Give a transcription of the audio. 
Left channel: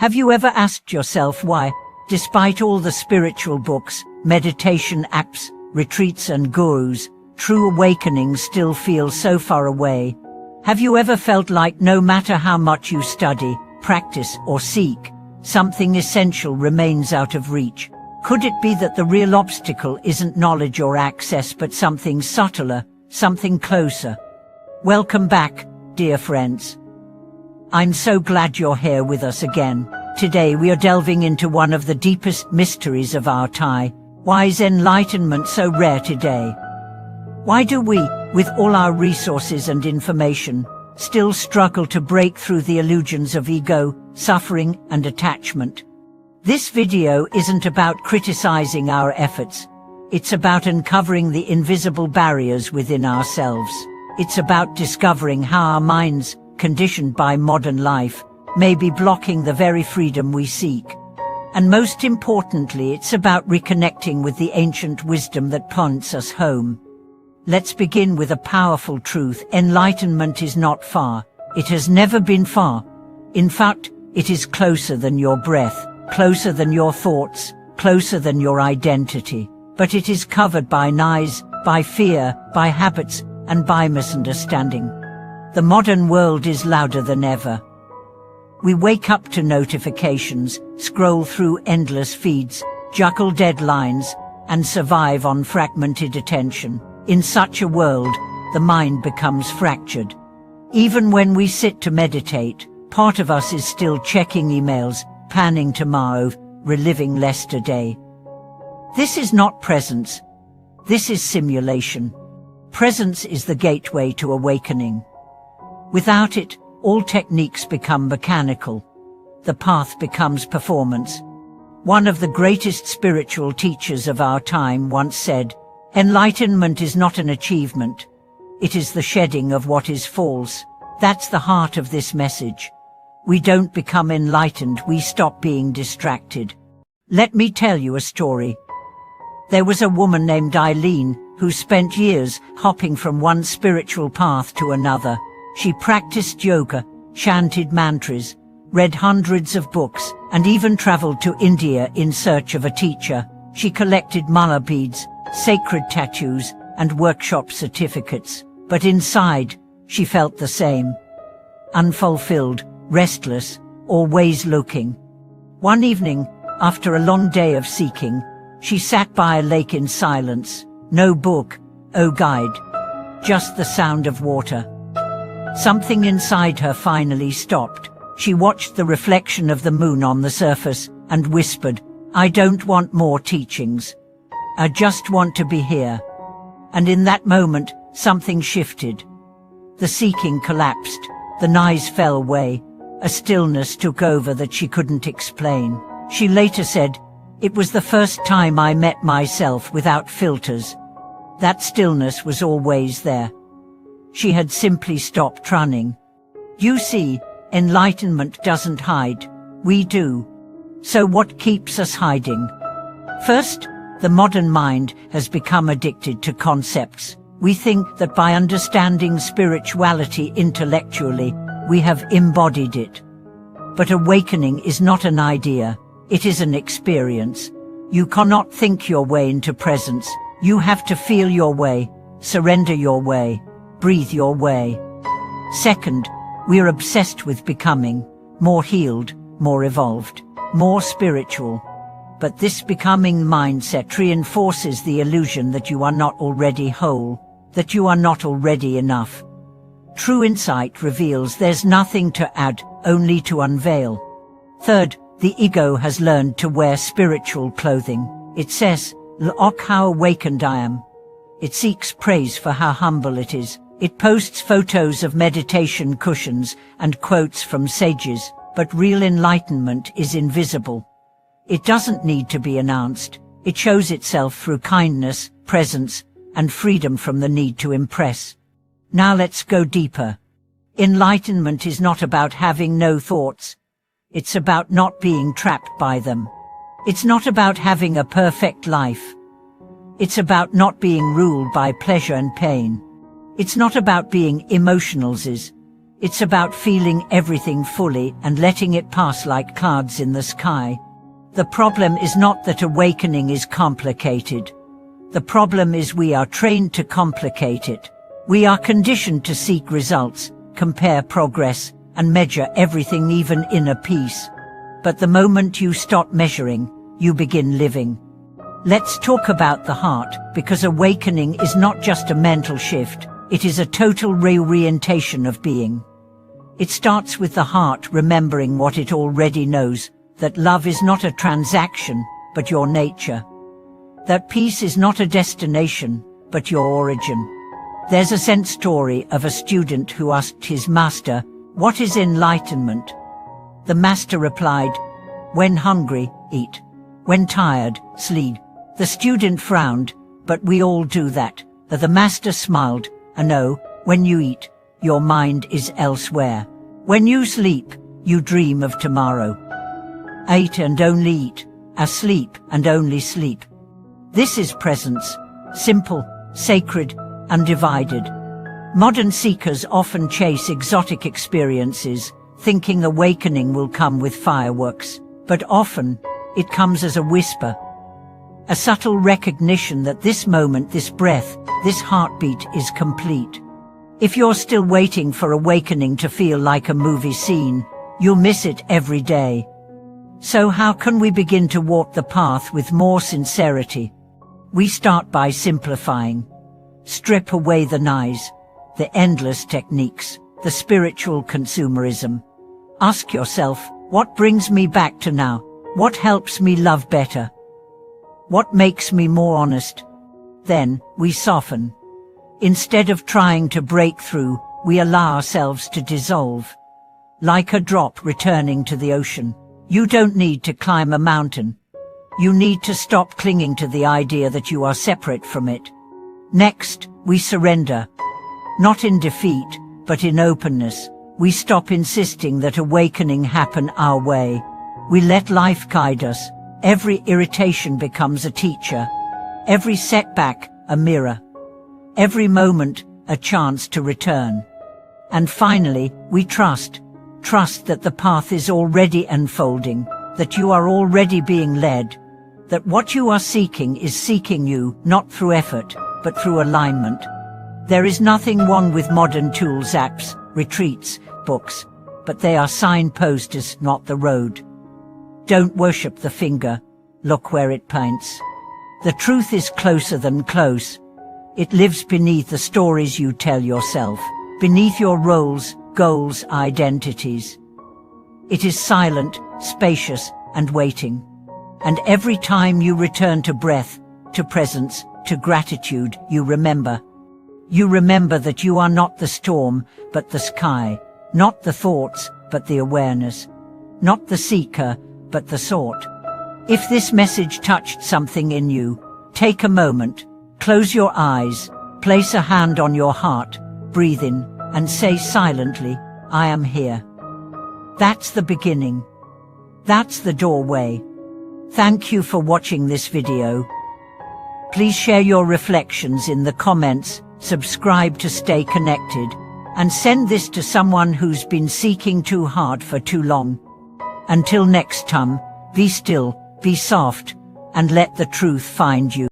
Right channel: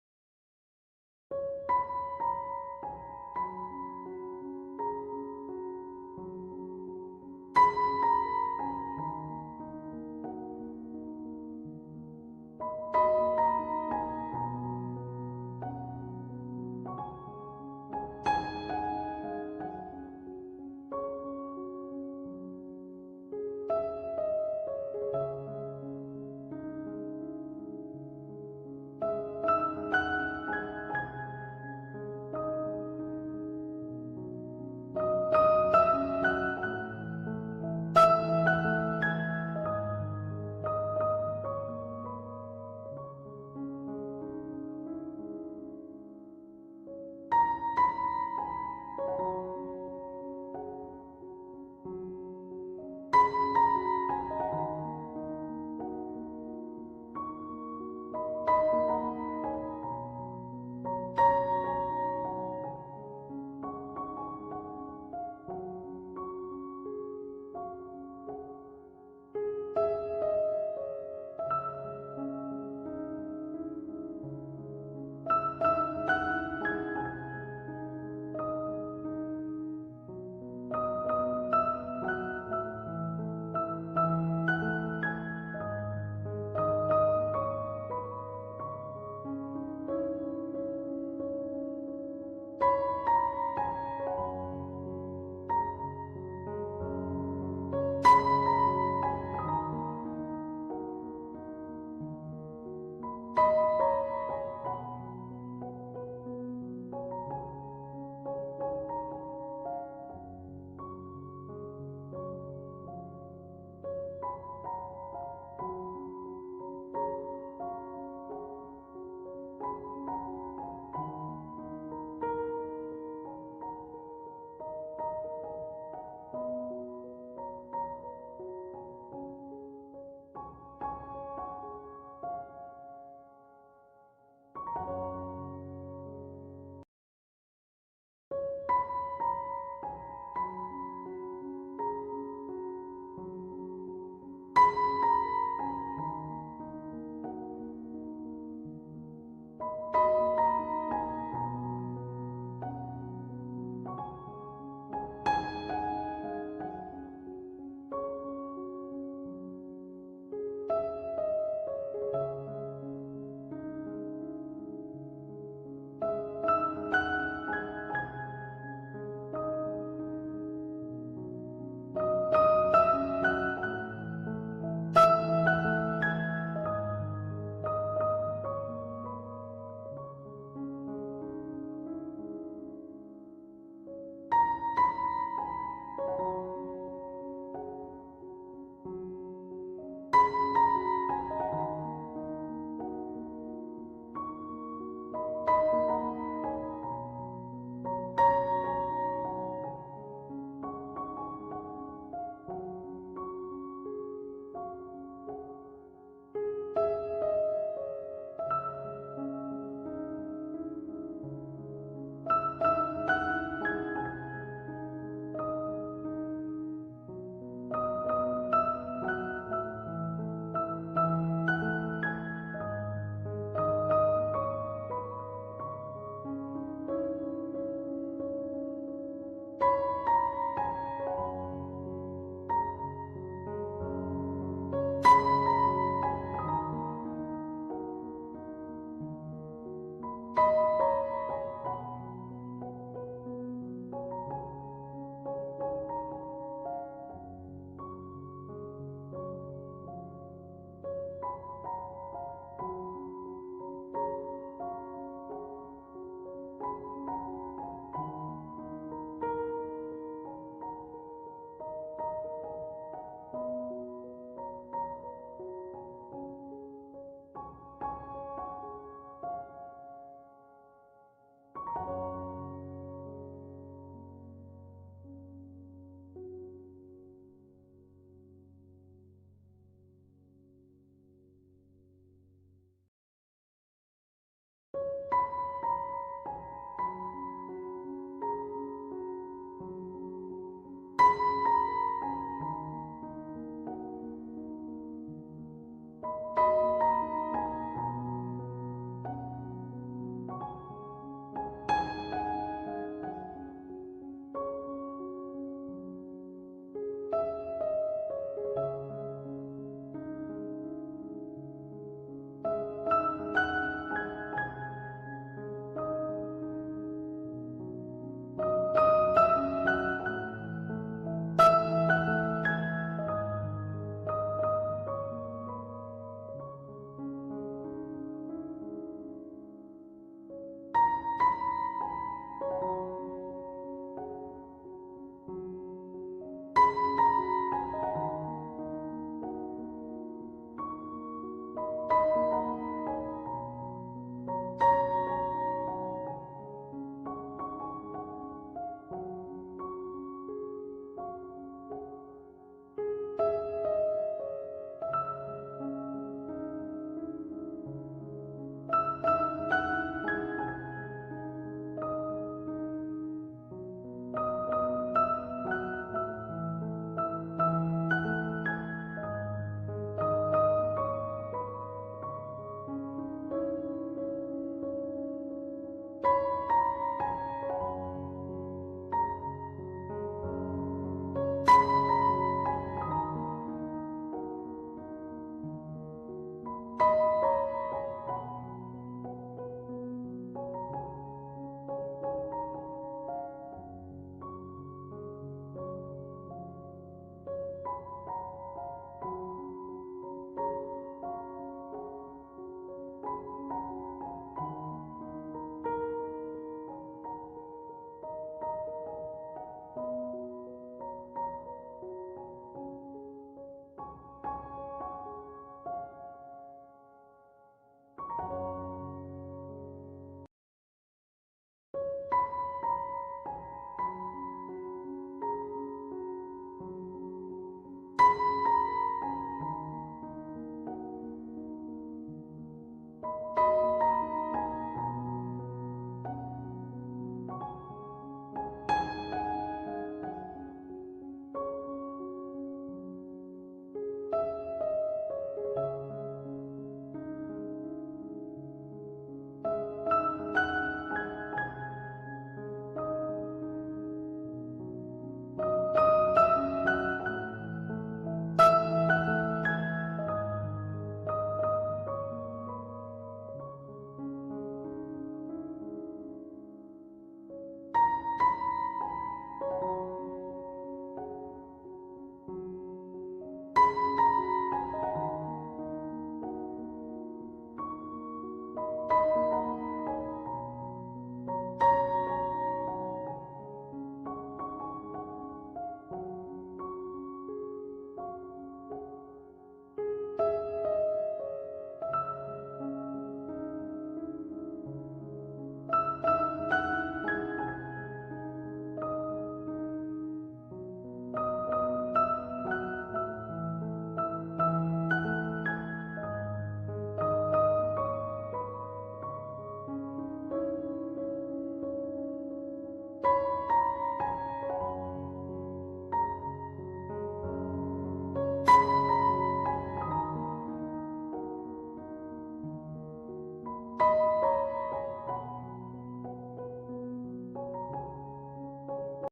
Have you ever asked yourself why, despite all the spiritual books, meditation apps, retreats and gurus, true awakening still feels so far away? Have you ever felt like no matter how much you study, practice or seek, something essential remains out of reach? Could it be that the real obstacle isn't knowledge or access but something subtler, something closer? Welcome back, dear friends. I'm so glad you're here with us again. Today we are delving into one of the deepest mysteries of our time. Why is enlightenment so rare today? Why do we, with all our resources and information, still struggle to break through the illusions of ego, suffering and attachment? This video isn't about criticizing our efforts. It's about uncovering the invisible barriers within ourselves. It's about discovering how our minds, conditioned by modern life, may be blocking the very freedom we seek. And most importantly, it's about reconnecting with the ancient wisdom that points us home. Let's begin with a powerful truth. Enlightenment is not far. It has never been far. In fact, it is closer than your breath, closer than your thoughts, closer than your identity. But it is covered by lies, by fear, by habits, and by misunderstanding. The modern world is louder than ever. We wake up to notifications, scroll through endless feeds, juggle deadlines, and survive on fragmented attention. In such a world, the mind becomes fractured. Even when we sit to meditate, part of us is still checking emails, planning tomorrow, reliving yesterday. This is not presence. This is simulation. Presence is the gateway to awakening. Without it, all techniques become mechanical. The path becomes performance. One of the greatest spiritual teachers of our time once said, "Enlightenment is not an achievement. It is the shedding of what is false." That's the heart of this message. We don't become enlightened, we stop being distracted. Let me tell you a story. There was a woman named Eileen who spent years hopping from one spiritual path to another. She practiced yoga, chanted mantras, read hundreds of books, and even traveled to India in search of a teacher. She collected mala beads, sacred tattoos, and workshop certificates. But inside, she felt the same. Unfulfilled, restless, always looking. One evening, after a long day of seeking, she sat by a lake in silence. No book, no guide, just the sound of water. Something inside her finally stopped. She watched the reflection of the moon on the surface and whispered, "I don't want more teachings. I just want to be here." And in that moment, something shifted. The seeking collapsed, the noise fell away, a stillness took over that she couldn't explain. She later said, "It was the first time I met myself without filters." That stillness was always there. She had simply stopped running. You see, enlightenment doesn't hide. We do. So what keeps us hiding? First, the modern mind has become addicted to concepts. We think that by understanding spirituality intellectually, we have embodied it. But awakening is not an idea, it is an experience. You cannot think your way into presence. You have to feel your way, surrender your way, breathe your way. Second, we are obsessed with becoming more healed, more evolved, more spiritual. But this becoming mindset reinforces the illusion that you are not already whole, that you are not already enough. True insight reveals there's nothing to add, only to unveil. Third, the ego has learned to wear spiritual clothing. It says, "Look how awakened I am." It seeks praise for how humble it is. It posts photos of meditation cushions and quotes from sages, but real enlightenment is invisible. It doesn't need to be announced. It shows itself through kindness, presence, and freedom from the need to impress. Now let's go deeper. Enlightenment is not about having no thoughts. It's about not being trapped by them. It's not about having a perfect life. It's about not being ruled by pleasure and pain. It's not about being emotionless. It's about feeling everything fully and letting it pass like clouds in the sky. The problem is not that awakening is complicated. The problem is we are trained to complicate it. We are conditioned to seek results, compare progress, and measure everything, even inner peace. But the moment you stop measuring, you begin living. Let's talk about the heart, because awakening is not just a mental shift, it is a total reorientation of being. It starts with the heart remembering what it already knows, that love is not a transaction, but your nature. That peace is not a destination, but your origin. There's a Zen story of a student who asked his master, "What is enlightenment?" The master replied, "When hungry, eat. When tired, sleep." The student frowned, "But we all do that." The master smiled, "No, when you eat, your mind is elsewhere. When you sleep, you dream of tomorrow. Eat and only eat, asleep and only sleep. This is presence, simple, sacred, undivided." Modern seekers often chase exotic experiences, thinking awakening will come with fireworks, but often, it comes as a whisper. A subtle recognition that this moment, this breath, this heartbeat is complete. If you're still waiting for awakening to feel like a movie scene, you'll miss it every day. So how can we begin to walk the path with more sincerity? We start by simplifying. Strip away the noise, the endless techniques, the spiritual consumerism. Ask yourself, what brings me back to now? What helps me love better? What makes me more honest? Then, we soften. Instead of trying to break through, we allow ourselves to dissolve. Like a drop returning to the ocean. You don't need to climb a mountain. You need to stop clinging to the idea that you are separate from it. Next, we surrender. Not in defeat, but in openness. We stop insisting that awakening happen our way. We let life guide us. Every irritation becomes a teacher. Every setback, a mirror. Every moment, a chance to return. And finally, we trust. Trust that the path is already unfolding, that you are already being led, that what you are seeking is seeking you, not through effort, but through alignment. There is nothing wrong with modern tools, apps, retreats, books, but they are signposts, not the road. Don't worship the finger, look where it points. The truth is closer than close. It lives beneath the stories you tell yourself, beneath your roles, goals, identities. It is silent, spacious, and waiting. And every time you return to breath, to presence, to gratitude, you remember. You remember that you are not the storm, but the sky, not the thoughts, but the awareness, not the seeker, but the sought. If this message touched something in you, take a moment, close your eyes, place a hand on your heart, breathe in, and say silently, "I am here." That's the beginning. That's the doorway. Thank you for watching this video. Please share your reflections in the comments, subscribe to stay connected, and send this to someone who's been seeking too hard for too long. Until next time, be still, be soft, and let the truth find you.